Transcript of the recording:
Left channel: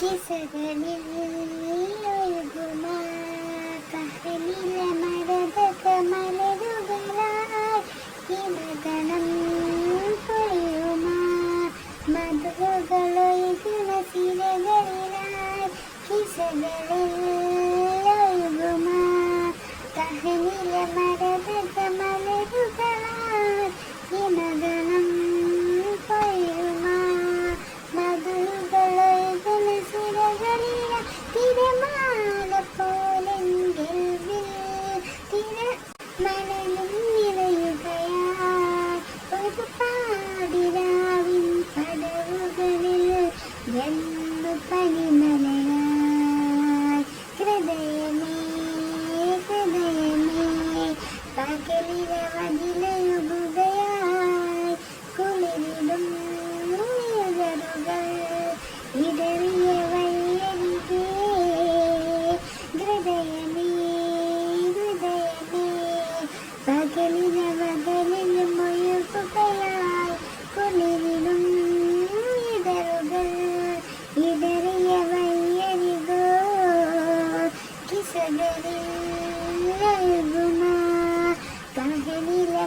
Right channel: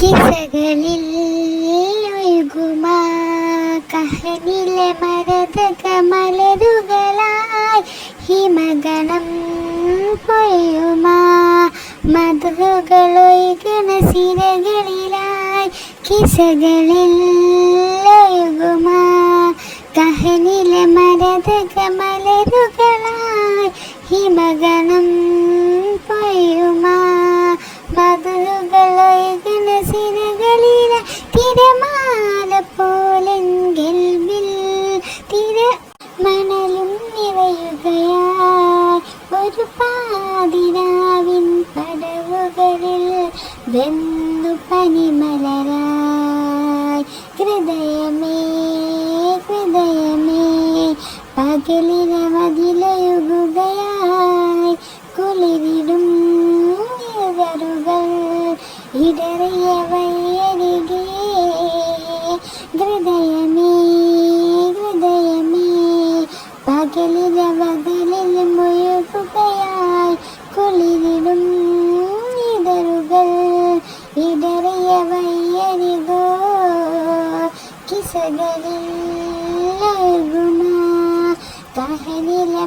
കിസകളിൽ ഒഴുകുമാ കഹനിലെ മരതക മലരുകളായി ഹിമഗണം പൊയ്യുമാ മധുകളൊഴുകണ സിരകളിലായി കിസകളിൽ ഒഴുകുമാ കഹനിലെ മരതക മലരുകളായി ഹിമഗണം പൊയ്യുമാ മധുകളൊഴുകണ സിരകളില തിരമാല പോലെങ്കിൽ മണലും നിറയുകയായി ഒരു പാതിരാവിൻ പടവുകളിൽ വെന്നു പനിമലരായി ഹൃദയമേ ഹൃദയമേ പകലിനമതിലൊഴുകുകയായി കുളിരിടും ഇതറുകൾ ഇടറിയ വയ്യരികെ ഹൃദയമേ ഹൃദയമേ പകലിനമതിലിൽ മുഴുകുകയായി കുളിരിടും ഇതറുകൾ ഇടറിയ വയ്യരികോ കിസകളിൽ ഒഴുകുമാ കഹനിലെ